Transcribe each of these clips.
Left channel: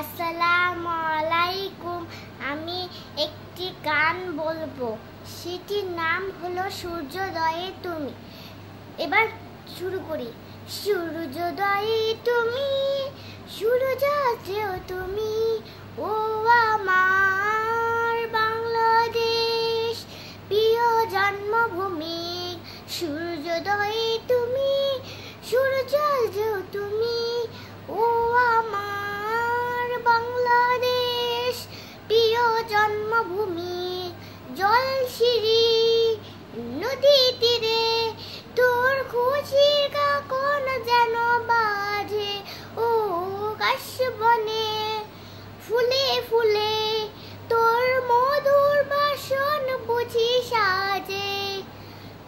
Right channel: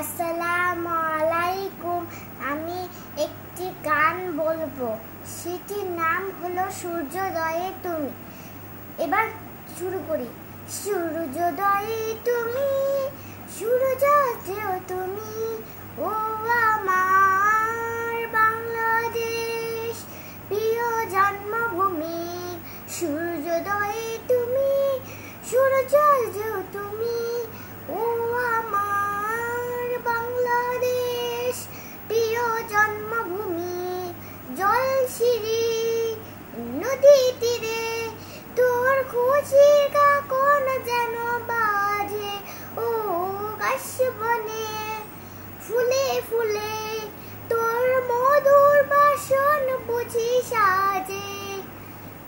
আসসালামু আলাইকুম। আমি একটি গান বলবো, সেটির নাম হলো সূর্যোদয়ে তুমি। এবার শুরু করি। সূর্যোদয়ে তুমি, সূর্যোদয়েও তুমি, ও আমার বাংলাদেশ প্রিয় জন্মভূমি। সূর্যোদয়ে তুমি, সূর্যোদয়েও তুমি, ও আমার বাংলাদেশ প্রিয় জন্মভূমি। জলশিরি নদী তীরে তোর খুশির কাকন যেন বাজে, ও গাছ বনে ফুলে ফুলে তোর মধুর বাসন বুঝি সাজে।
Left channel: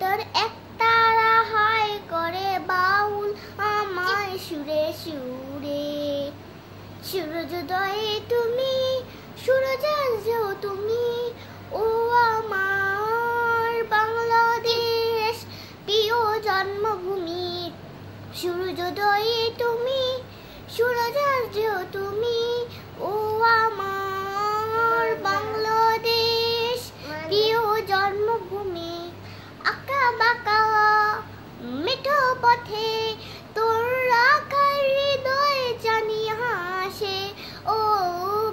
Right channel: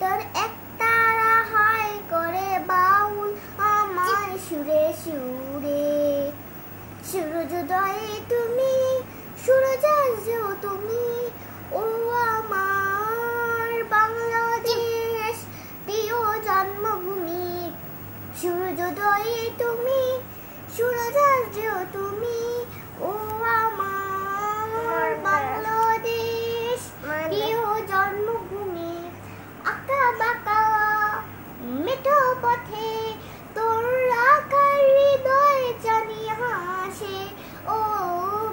তোর একতারা হায় করে বাউল আমার সুরে সুরে। সূর্যোদয়ে তুমি, সূর্যোদয়েও তুমি, ও আমার বাংলাদেশ প্রিয় জন্মভূমি। সূর্যোদয়ে তুমি, সূর্যোদয়েও তুমি, ও আমার বাংলাদেশ প্রিয় জন্মভূমি। আঁকা বাঁকা মেঠো পথে তোর রাখা হৃদয় জানি হাসে, ও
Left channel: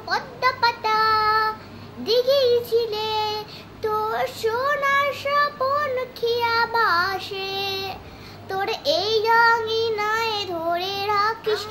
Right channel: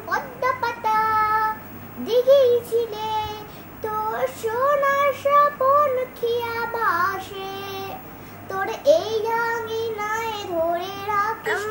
পদ্মা পাতা দিঘির ছিলে তোর সোনার স্বপন খিয়া বাসে। তোর এই আঙিনায় ধরে রাখিস